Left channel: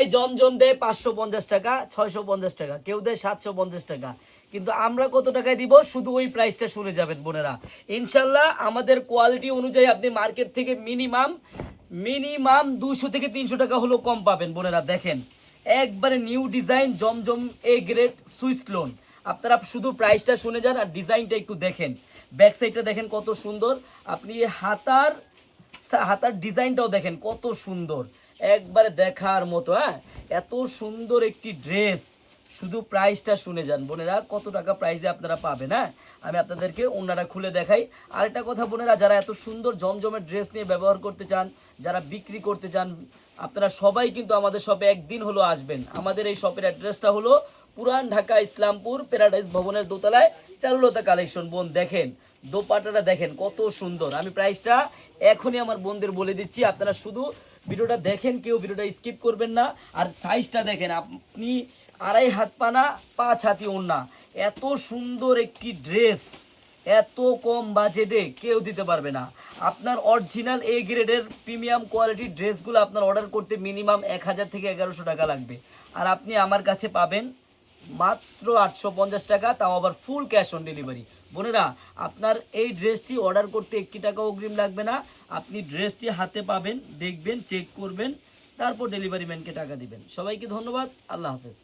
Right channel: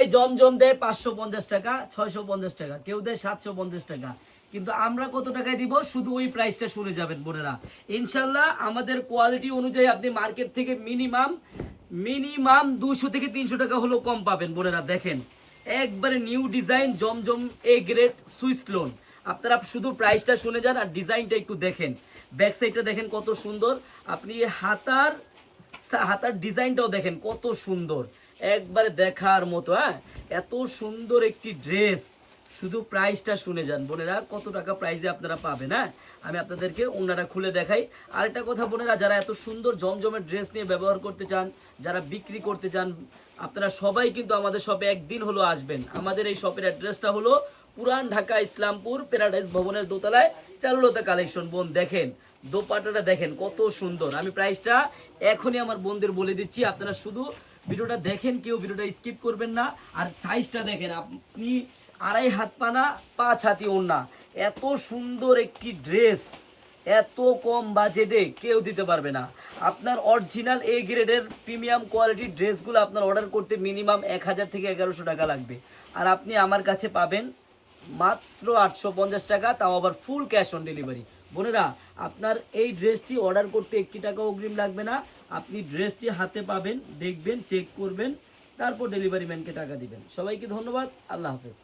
এই জমজম দেয় 550 টাকা, 650 টাকা, কেউ দেয় 750 টাকা, কিন্তু আমরা কত টাকায় দিব শুধু ওই প্রাইসটা শুনে যাবেন বোনেরা। ইনশাল্লাহ আমাদের কোয়ালিটি অনুযায়ী আপনি মার্কেট থেকে মিনিমাম মিনিমাম 200 থেকে 300 টাকা হলো কম পাবেন বোনেরা। দেখেন একবারে new design Zamzam A grade Swiss loan. আপনারা শুধু প্রাইসটা শুনে যান আর ডিজাইনটা একটু দেখেন, ব্যাক সাইডটা দেখেন কত সুন্দর। আপনি হাতার হাতার ডিজাইনটাও দেখেন কত সুন্দর, একবারে দেখার মতো। হ্যাঁ, এত সুন্দর একটি ড্রেস, শুধু প্রাইসটা শুনে যান বোনেরা কত টাকা প্রাইসে আপনারা পাবেন। হ্যাঁ, আমি আপনাদেরকে ওনারা খুলে দেখাই। আরেকটা কথা বোনেরা, যারা এত সুন্দর জমজমের ড্রেস নিয়ে ব্যবহার করতে চান, যারা বিক্রি করতে চান, আপনারা সবাই কিন্তু আমাদের শপে একদিন হলো আসবেন। আমাদের এই শপের অ্যাড্রেসটা হলো পুরান ঢাকা ইসলামপুর প্যারাডাইস ভবনের দোতলায় চারুলতা কালেকশন। বোন দেখেন দোপাট্টাটা দেখেন কত সুন্দর। আমি প্রাইসটা এখনই আমার বোনদের বলে দিচ্ছি, আপনারা শুধু ভিডিওটা দেখেন, কেউ ভিডিওটা স্কিপ করবেন না। আর সাইজটা দেখেন, আপনি 2.5 হাত পানা 5 হাতি ওড়না, এত সুন্দর একটি ড্রেস এত কম বাজেটে কেউ দিতে পারবে না। আপনার অরিজিনাল এ গ্রেডের প্রিমিয়াম কোয়ালিটির ড্রেসগুলো আপনার অর্ডার করতে মিনিমাম 1000 থেকে 1100 টাকা লাগবে, আর আপনি আমার কাছে পাবেন মাত্র 850 টাকা, তাও আবার ফুল ক্যাশ অন ডেলিভারি। বোনেরা, আপনার এই ড্রেসটি অর্ডার করতে 1 টাকা অগ্রিম লাগবে না। আপনি ড্রেসটি হাতে পাবেন, দেখবেন, চেক করবেন, তারপর ডেলিভারি ম্যানকে টাকা দিবেন। সবাইকে ধন্যবাদ, আল্লাহ হাফেজ।